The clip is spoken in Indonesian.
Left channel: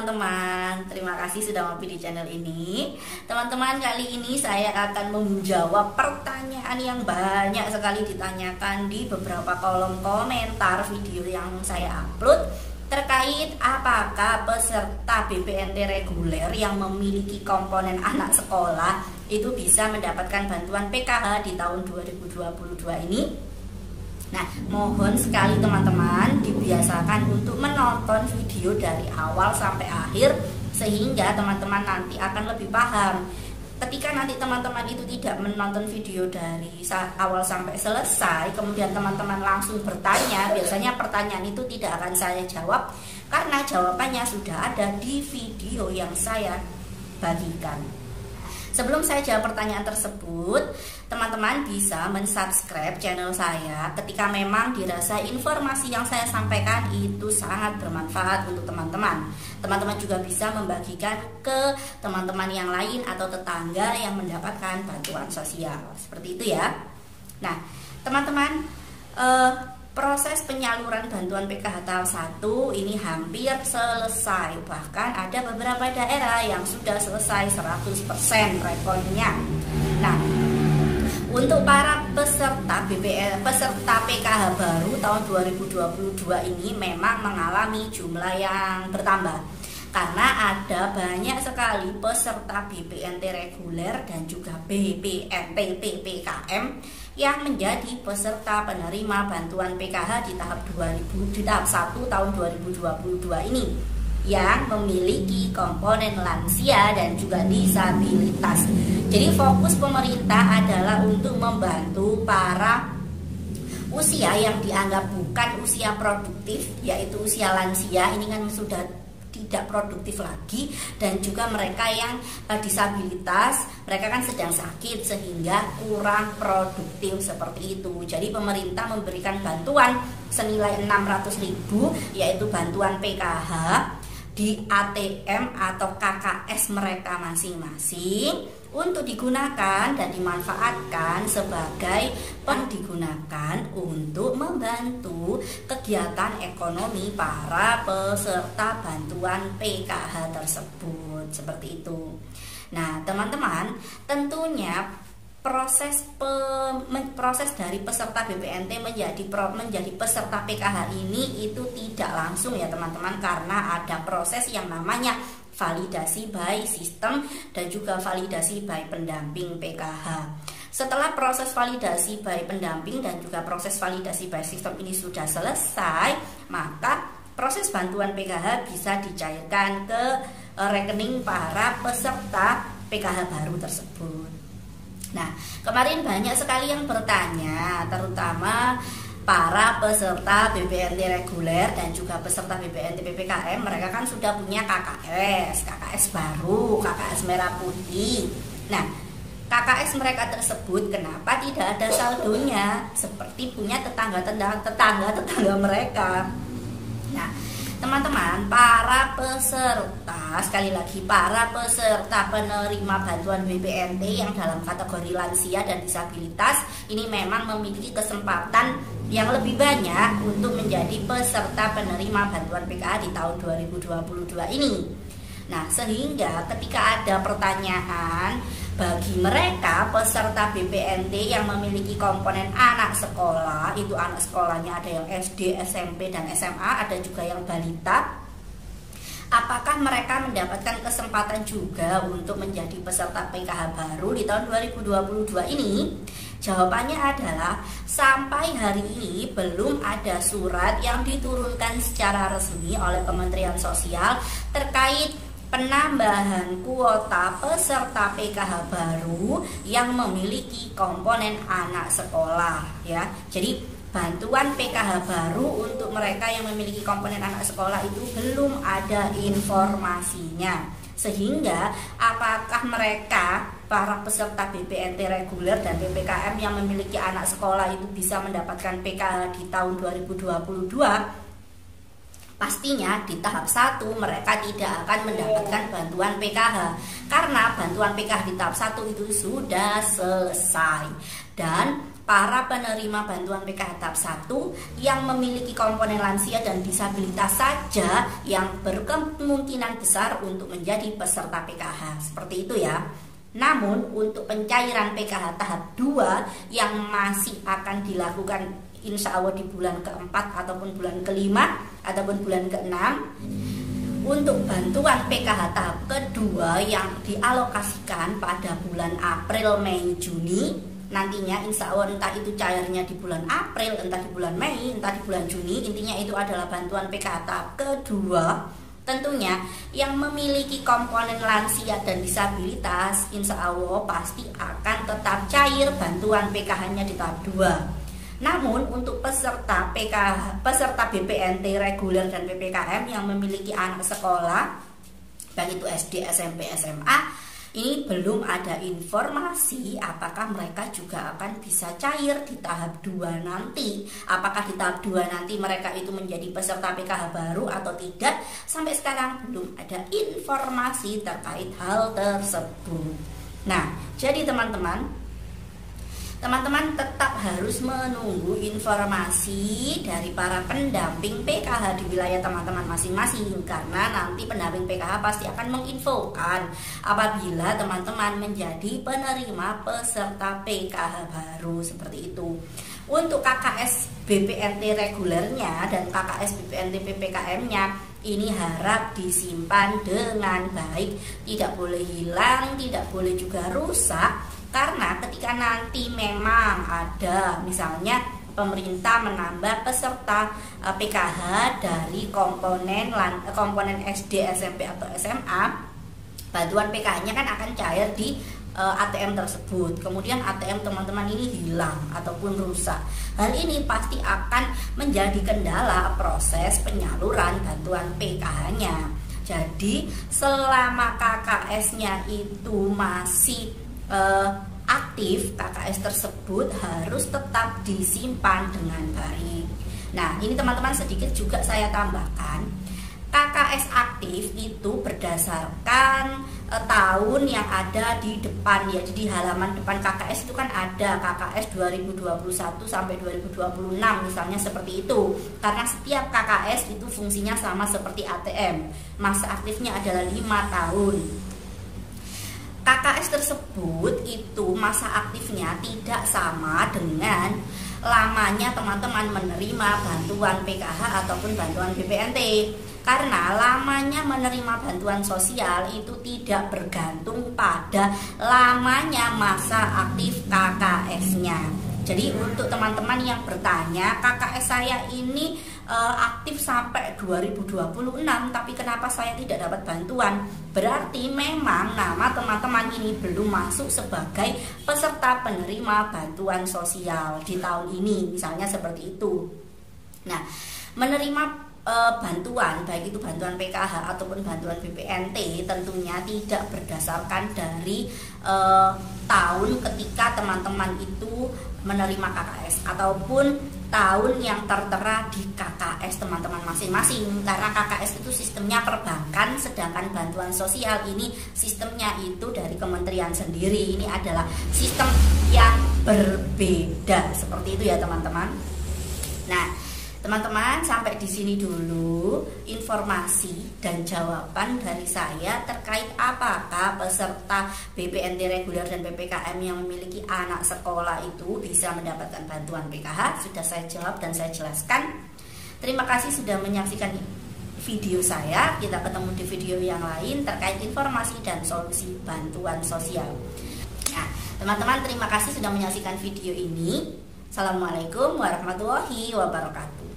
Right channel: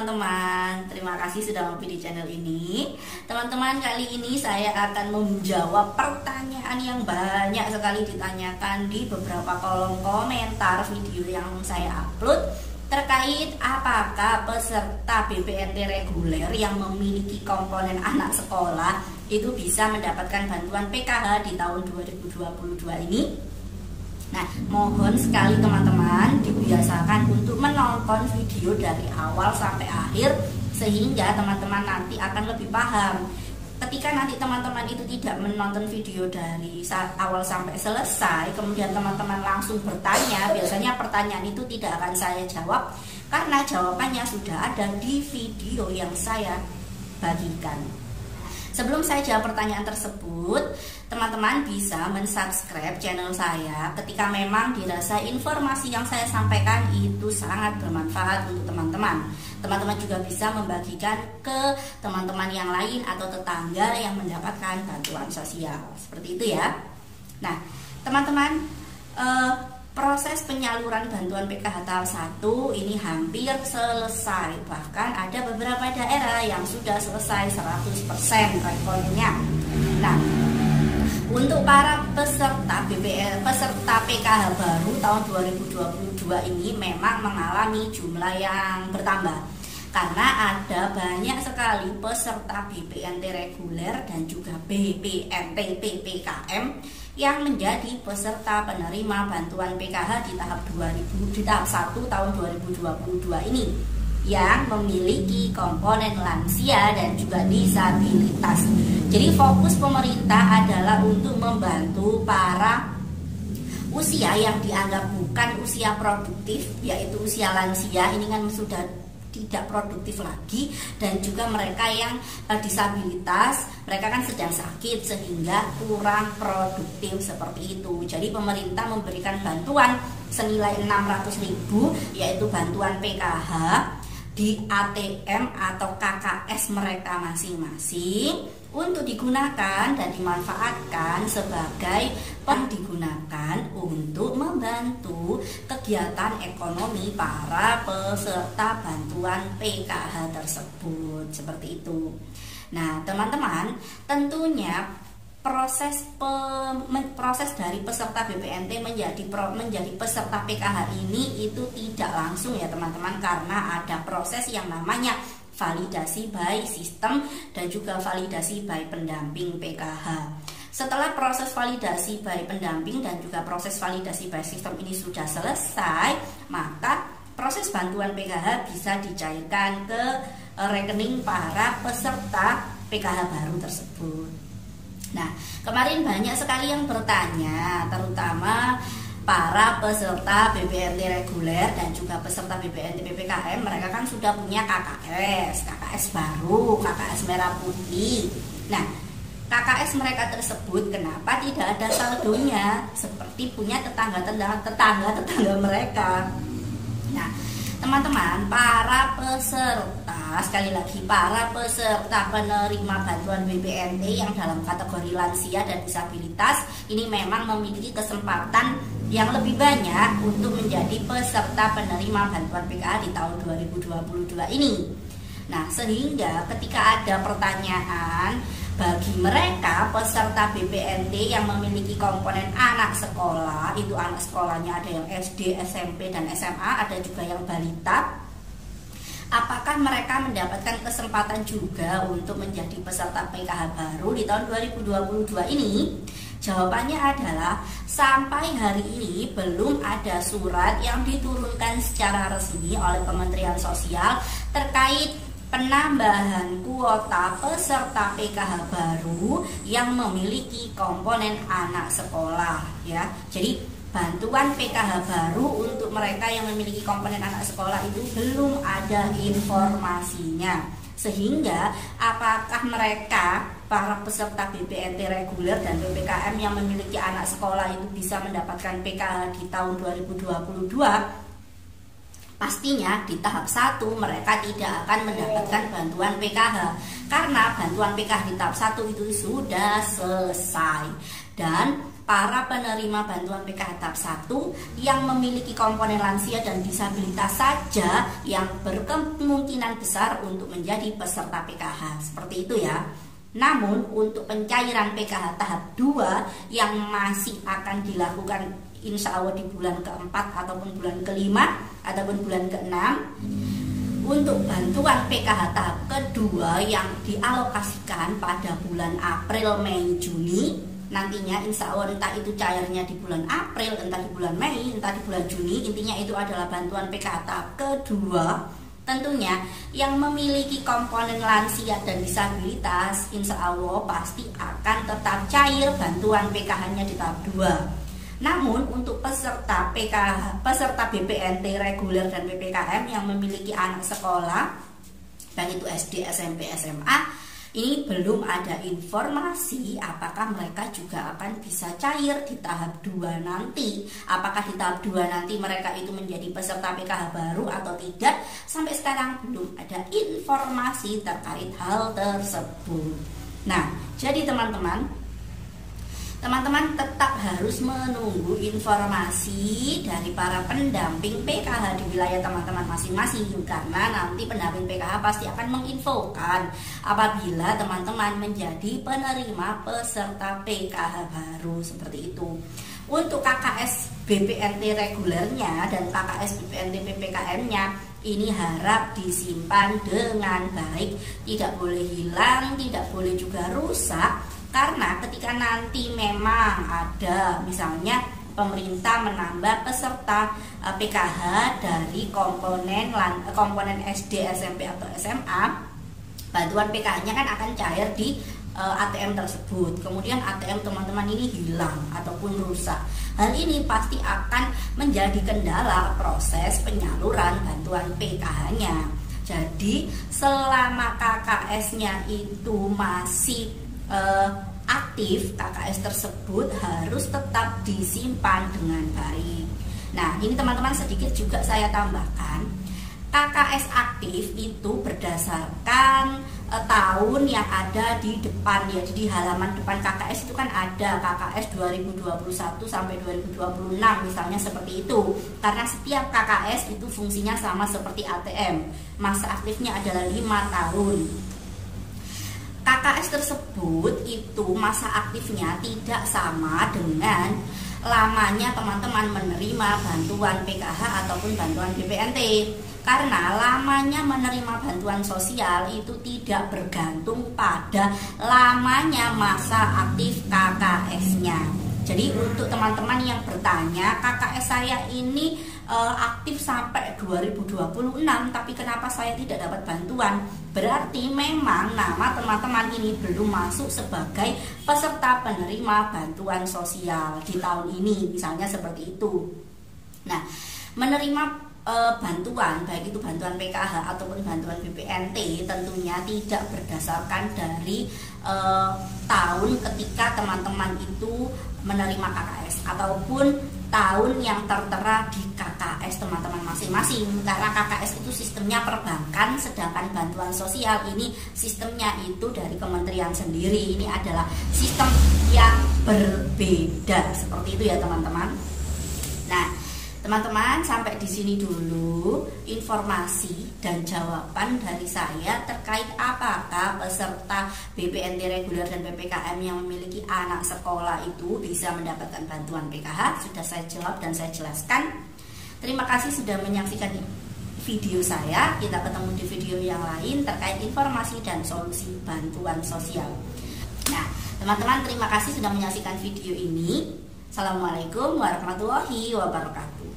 teman-teman, terima kasih sudah mampir di channel ini. Teman-teman, kali ini saya akan menjawab pertanyaan yang banyak sekali ditanyakan di beberapa kolom komentar video yang saya upload terkait apakah peserta BPNT reguler yang memiliki komponen anak sekolah itu bisa mendapatkan bantuan PKH di tahun 2022 ini. Nah, mohon sekali teman-teman dibiasakan untuk menonton video dari awal sampai akhir sehingga teman-teman nanti akan lebih paham. Ketika nanti teman-teman itu tidak menonton video dari awal sampai selesai, kemudian teman-teman langsung bertanya, biasanya pertanyaan itu tidak akan saya jawab karena jawabannya sudah ada di video yang saya bagikan. Sebelum saya jawab pertanyaan tersebut, teman-teman bisa mensubscribe channel saya ketika memang dirasa informasi yang saya sampaikan itu sangat bermanfaat untuk teman-teman. Teman-teman juga bisa membagikan ke teman-teman yang lain atau tetangga yang mendapatkan bantuan sosial. Seperti itu ya. Nah, teman-teman, proses penyaluran bantuan PKH tahap 1 ini hampir selesai. Bahkan ada beberapa daerah yang sudah selesai 100% rekornya. Nah, untuk para peserta PKH baru tahun 2022 ini memang mengalami jumlah yang bertambah. Karena ada banyak sekali peserta BPNT reguler dan juga BPNT PPKM yang menjadi peserta penerima bantuan PKH di tahap 1 tahun 2022 ini yang memiliki komponen lansia dan juga disabilitas. Jadi fokus pemerintah adalah untuk membantu para usia yang dianggap bukan usia produktif, yaitu usia lansia. Ini kan sudah tidak produktif lagi, dan juga mereka yang disabilitas, mereka kan sedang sakit sehingga kurang produktif seperti itu. Jadi pemerintah memberikan bantuan senilai 600.000 yaitu bantuan PKH di ATM atau KKS mereka masing-masing untuk digunakan dan dimanfaatkan sebagai digunakan untuk membantu kegiatan ekonomi para peserta bantuan PKH tersebut, seperti itu. Nah, teman-teman, tentunya proses dari peserta BPNT menjadi peserta PKH ini itu tidak langsung ya teman-teman, karena ada proses yang namanya validasi by sistem dan juga validasi by pendamping PKH. Setelah proses validasi by pendamping dan juga proses validasi by sistem ini sudah selesai, maka proses bantuan PKH bisa dicairkan ke rekening para peserta PKH baru tersebut. Nah, kemarin banyak sekali yang bertanya, terutama para peserta BPNT reguler dan juga peserta BPNT PPKM, mereka kan sudah punya KKS baru, KKS merah putih. Nah, KKS mereka tersebut kenapa tidak ada saldonya seperti punya tetangga mereka. Nah, teman-teman, para peserta, sekali lagi para peserta penerima bantuan BPNT yang dalam kategori lansia dan disabilitas ini memang memiliki kesempatan yang lebih banyak untuk menjadi peserta penerima bantuan PKH di tahun 2022 ini. Nah, sehingga ketika ada pertanyaan bagi mereka peserta BPNT yang memiliki komponen anak sekolah, itu anak sekolahnya ada yang SD, SMP, dan SMA, ada juga yang balita, apakah mereka mendapatkan kesempatan juga untuk menjadi peserta PKH baru di tahun 2022 ini? Jawabannya adalah sampai hari ini belum ada surat yang diturunkan secara resmi oleh Kementerian Sosial terkait penambahan kuota peserta PKH baru yang memiliki komponen anak sekolah ya. Jadi bantuan PKH baru untuk mereka yang memiliki komponen anak sekolah itu belum ada informasinya. Sehingga apakah mereka para peserta BPNT reguler dan PPKM yang memiliki anak sekolah itu bisa mendapatkan PKH di tahun 2022? Pastinya di tahap 1 mereka tidak akan mendapatkan bantuan PKH karena bantuan PKH di tahap 1 itu sudah selesai. Dan para penerima bantuan PKH tahap 1 yang memiliki komponen lansia dan disabilitas saja yang berkemungkinan besar untuk menjadi peserta PKH. Seperti itu ya. Namun untuk pencairan PKH tahap 2 yang masih akan dilakukan insya Allah di bulan keempat ataupun bulan kelima ataupun bulan keenam, untuk bantuan PKH tahap kedua yang dialokasikan pada bulan April, Mei, Juni, nantinya insya Allah entah itu cairnya di bulan April, entah di bulan Mei, entah di bulan Juni, intinya itu adalah bantuan PKH tahap kedua. Tentunya yang memiliki komponen lansia dan disabilitas insya Allah pasti akan tetap cair bantuan PKH-nya di tahap 2. Namun untuk peserta PKH, peserta BPNT reguler dan PPKM yang memiliki anak sekolah, baik itu SD, SMP, SMA, ini belum ada informasi apakah mereka juga akan bisa cair di tahap 2 nanti. Apakah di tahap 2 nanti mereka itu menjadi peserta PKH baru atau tidak, sampai sekarang belum ada informasi terkait hal tersebut. Nah, jadi teman-teman tetap harus menunggu informasi dari para pendamping PKH di wilayah teman-teman masing-masing, karena nanti pendamping PKH pasti akan menginfokan apabila teman-teman menjadi penerima peserta PKH baru seperti itu. Untuk KKS BPNT regulernya dan KKS BPNT PPKM-nya ini harap disimpan dengan baik, tidak boleh hilang, tidak boleh juga rusak. Karena ketika nanti memang ada misalnya pemerintah menambah peserta PKH dari komponen SD, SMP atau SMA, bantuan PKH-nya kan akan cair di ATM tersebut. Kemudian ATM teman-teman ini hilang ataupun rusak. Hal ini pasti akan menjadi kendala proses penyaluran bantuan PKH-nya. Jadi selama KKS-nya itu masih aktif, KKS tersebut harus tetap disimpan dengan baik. Nah, ini teman-teman sedikit juga saya tambahkan, KKS aktif itu berdasarkan tahun yang ada di depan ya. Jadi halaman depan KKS itu kan ada KKS 2021 sampai 2026 misalnya seperti itu. Karena setiap KKS itu fungsinya sama seperti ATM, masa aktifnya adalah 5 tahun. KKS tersebut itu masa aktifnya tidak sama dengan lamanya teman-teman menerima bantuan PKH ataupun bantuan BPNT. Karena lamanya menerima bantuan sosial itu tidak bergantung pada lamanya masa aktif KKS-nya. Jadi untuk teman-teman yang bertanya, KKS saya ini aktif sampai 2026 tapi kenapa saya tidak dapat bantuan, berarti memang nama teman-teman ini belum masuk sebagai peserta penerima bantuan sosial di tahun ini, misalnya seperti itu. Nah, menerima bantuan baik itu bantuan PKH ataupun bantuan BPNT tentunya tidak berdasarkan dari tahun ketika teman-teman itu menerima KKS ataupun tahun yang tertera di KKS teman-teman masing-masing, karena KKS itu sistemnya perbankan, sedangkan bantuan sosial ini sistemnya itu dari kementerian sendiri. Ini adalah sistem yang berbeda seperti itu ya teman-teman. Nah, teman-teman, sampai di sini dulu informasi dan jawaban dari saya terkait apakah peserta BPNT reguler dan PPKM yang memiliki anak sekolah itu bisa mendapatkan bantuan PKH. Sudah saya jawab dan saya jelaskan. Terima kasih sudah menyaksikan video saya. Kita ketemu di video yang lain terkait informasi dan solusi bantuan sosial. Nah, teman-teman, terima kasih sudah menyaksikan video ini. Assalamualaikum warahmatullahi wabarakatuh.